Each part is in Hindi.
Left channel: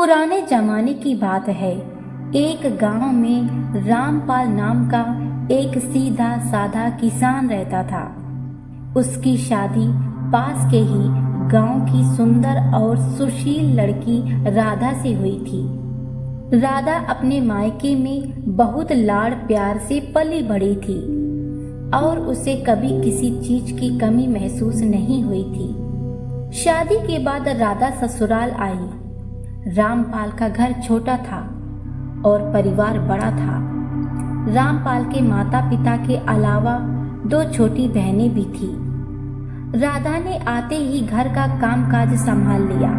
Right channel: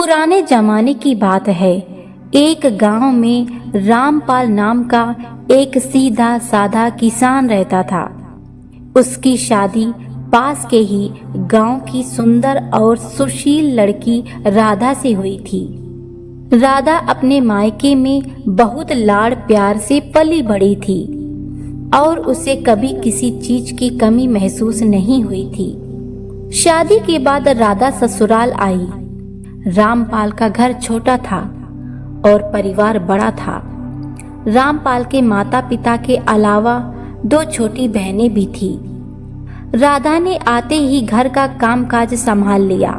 पुराने जमाने की बात है। एक गांव में रामपाल नाम का एक सीधा साधा किसान रहता था। उसकी शादी पास के ही गांव की सुंदर और सुशील लड़की राधा से हुई थी। राधा अपने मायके में बहुत लाड़ प्यार से पली बड़ी थी और उसे कभी किसी चीज की कमी महसूस नहीं हुई थी। शादी के बाद राधा ससुराल आई। रामपाल का घर छोटा था और परिवार बड़ा था। रामपाल के माता पिता के अलावा 2 छोटी बहनें भी थी। राधा ने आते ही घर का कामकाज संभाल लिया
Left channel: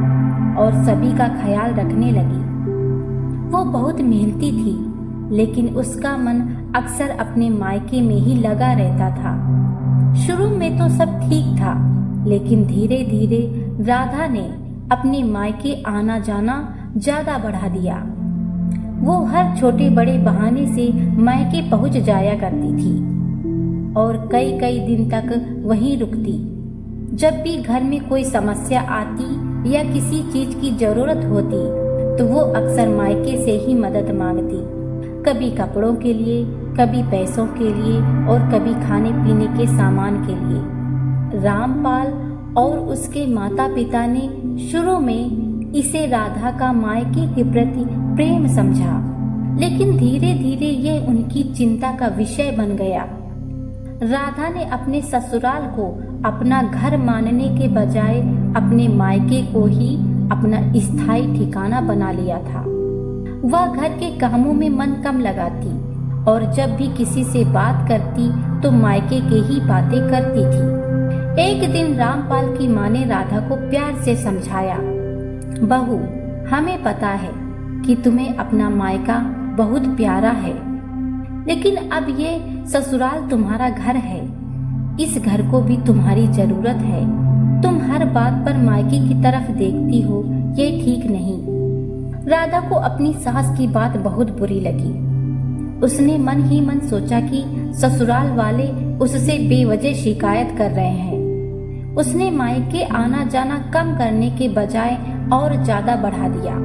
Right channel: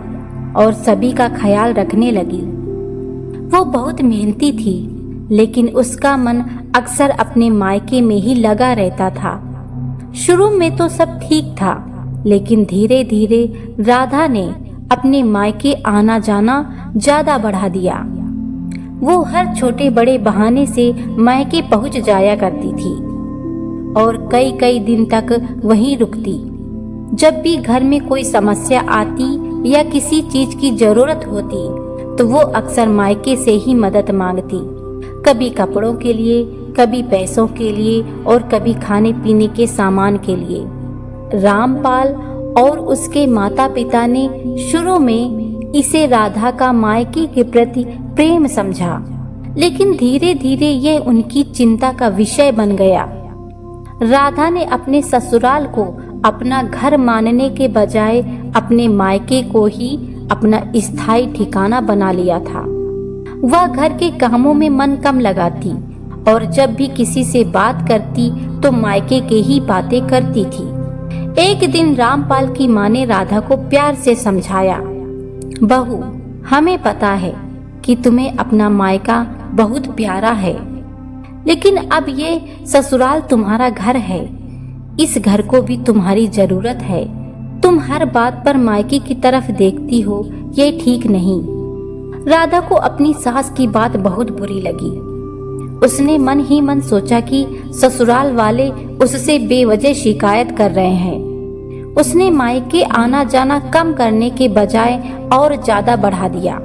और सभी का ख्याल रखने लगी। वो बहुत मेहनती थी, लेकिन उसका मन अक्सर अपने मायके में ही लगा रहता था। शुरू में तो सब ठीक था, लेकिन धीरे धीरे राधा ने अपने मायके आना जाना ज्यादा बढ़ा दिया। वो हर छोटे बड़े बहाने से मायके पहुंच जाया करती थी और कई कई दिन तक वहीं रुकती। जब भी घर में कोई समस्या आती या किसी चीज की जरूरत होती तो वो अक्सर मायके से ही मदद मांगती, कभी कपड़ों के लिए, कभी पैसों के लिए और कभी खाने पीने के सामान के लिए। रामपाल और उसके माता पिता ने शुरू में इसे राधा का मायके के प्रति प्रेम समझा, लेकिन धीरे धीरे यह उनकी चिंता का विषय बन गया। राधा ने अपने ससुराल को अपना घर मानने के बजाय अपने मायके को ही अपना स्थायी ठिकाना बना लिया था। वह घर के कामों में मन कम लगाती और जब भी किसी से बात करती तो मायके के ही बातें करती थी। एक दिन रामपाल की माँ ने राधा को प्यार से समझाया, बहू, हमें पता है कि तुम्हें अपना मायका बहुत प्यारा है, लेकिन अब ये ससुराल तुम्हारा घर है। इस घर को भी तुम्हारी जरूरत है। तुम हर बात पर मायके की तरफ देखती हो, ये ठीक नहीं। राधा को अपनी सास की बात बहुत बुरी लगी। उसने मन ही मन सोचा कि ससुराल वाले उससे बेवजह शिकायत कर रहे हैं। उसने मायके आना जाना कम करने के बजाय और ज्यादा बढ़ा दिया,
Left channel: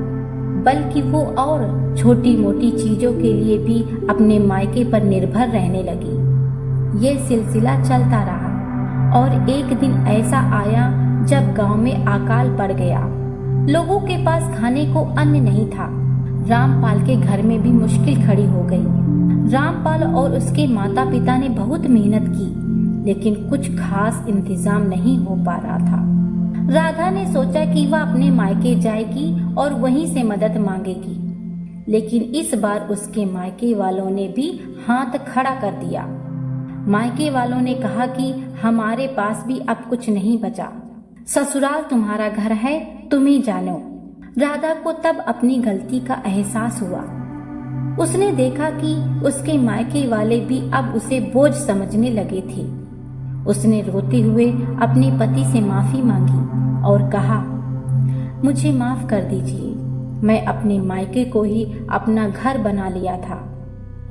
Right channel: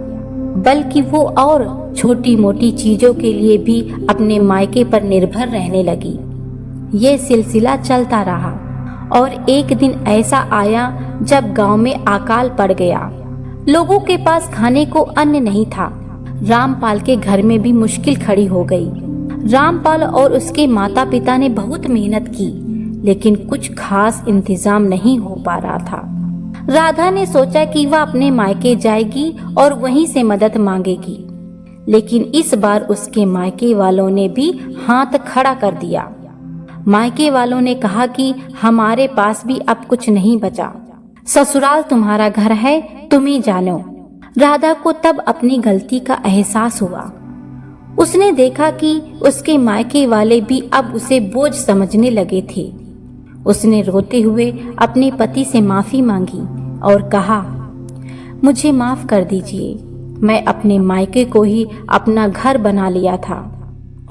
बल्कि वो और छोटी मोटी चीजों के लिए भी अपने मायके पर निर्भर रहने लगी। ये सिलसिला चलता रहा और एक दिन ऐसा आया जब गांव में अकाल पड़ गया। लोगों के पास खाने को अन्न नहीं था। रामपाल के घर में भी मुश्किल खड़ी हो गई। रामपाल और उसके माता पिता ने बहुत मेहनत की, लेकिन कुछ खास इंतजाम नहीं हो पा रहा था। राधा ने सोचा कि वह अपने मायके जाएगी और वहीं से मदद मांगेगी, लेकिन इस बार उसके मायके वालों ने भी हाथ खड़ा कर दिया। मायके वालों ने कहा कि हमारे पास भी अब कुछ नहीं बचा, ससुराल तुम्हारा घर है, तुम ही जानो। राधा को तब अपनी गलती का एहसास हुआ। उसने देखा कि उसके मायके वाले भी अब उसे बोझ समझने लगे थे। उसने रोते हुए अपने पति से माफी मांगी और कहा, मुझे माफ कर दीजिए, मैं अपने मायके को ही अपना घर बना लिया था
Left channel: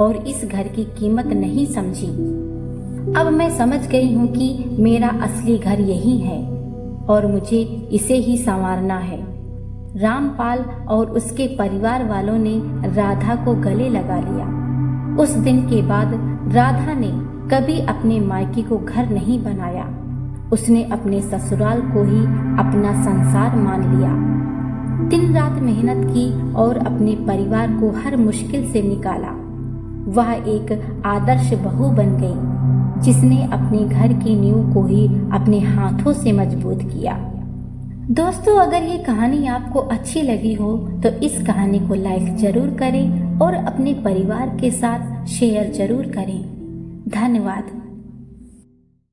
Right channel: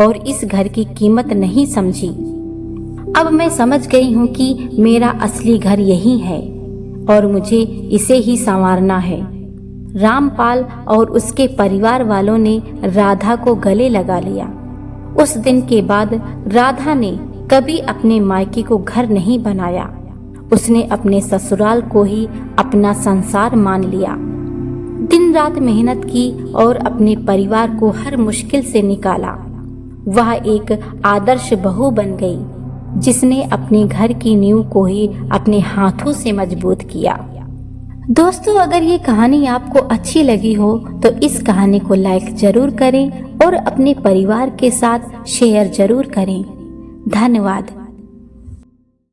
और इस घर की कीमत नहीं समझी। अब मैं समझ गई हूँ कि मेरा असली घर यही है और मुझे इसे ही संवारना है। रामपाल और उसके परिवार वालों ने राधा को गले लगा लिया। उस दिन के बाद राधा ने कभी अपने मायके को घर नहीं बनाया। उसने अपने ससुराल को ही अपना संसार मान लिया। दिन रात मेहनत की और अपने परिवार को हर मुश्किल से निकाला। वह एक आदर्श बहू बन गई, जिसने अपने घर की नींव को ही अपने हाथों से मजबूत किया। दोस्तों, अगर ये कहानी आपको अच्छी लगी हो तो इस कहानी को लाइक जरूर करें और अपने परिवार के साथ शेयर जरूर करें। धन्यवाद।